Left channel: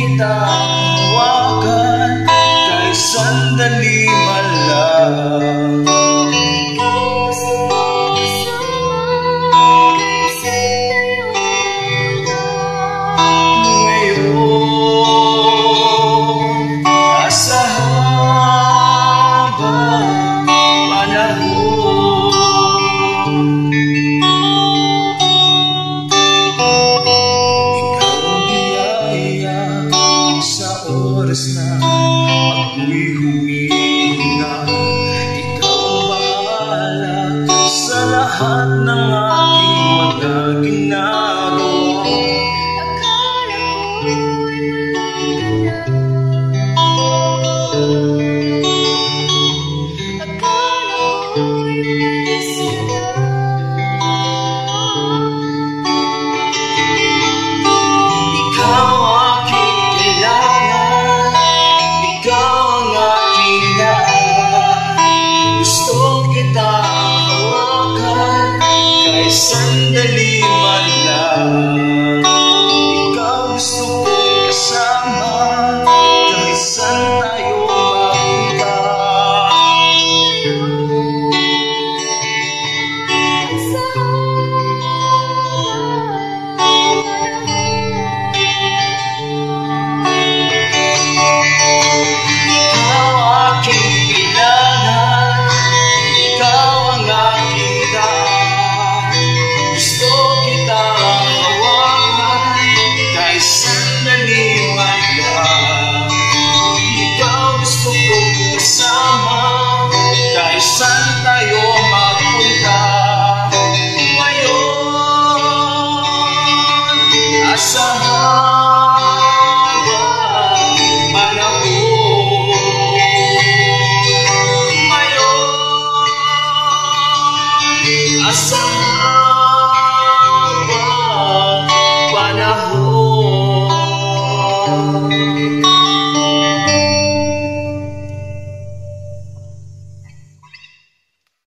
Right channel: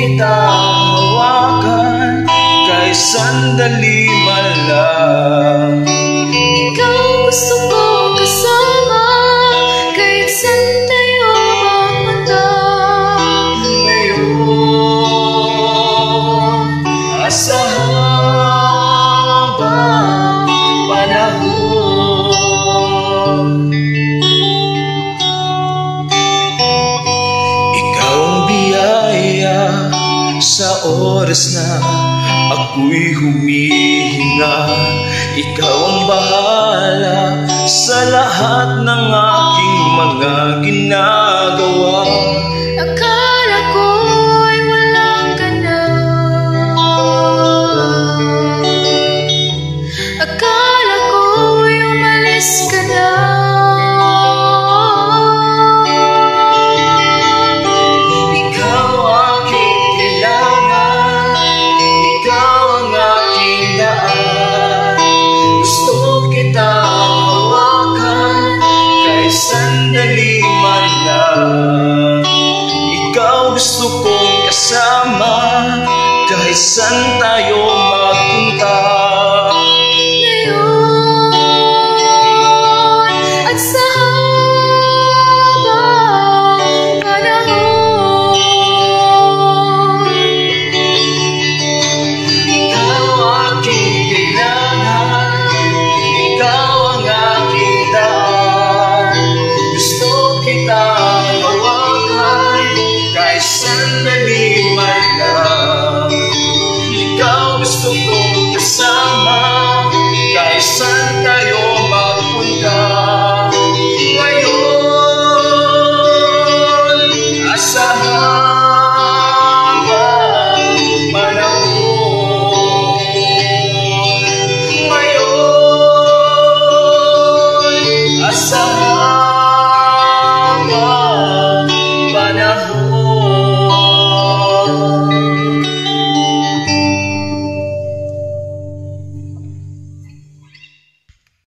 kita hawakan kahit sandali man lang. Ikaw gusto ko kasama kahit saan tayo mapunta. Ngayon, nasa habang panahon, ikaw ang biyaya sa oras na ako'y humihinga. Ikaw ang bahala sa lahat ng aking mga ginagawa. Akala ko'y walang ka na, akala ko'y umalis ka na. Ikaw aking kailangan, ikaw ang aking daan. Gusto kita hawakan kahit sandali man lang. Ikaw gusto kong kasama kahit saan tayo mapunta. Ngayon at sa habang panahon, Ikaw aking kailangan, ikaw ang aking daan. Gusto kita hawakan kahit sandali man lang. Ikaw gusto kong kasama kahit saan tayo mapunta. Ngayon, asa habang panahon. Ngayon, asa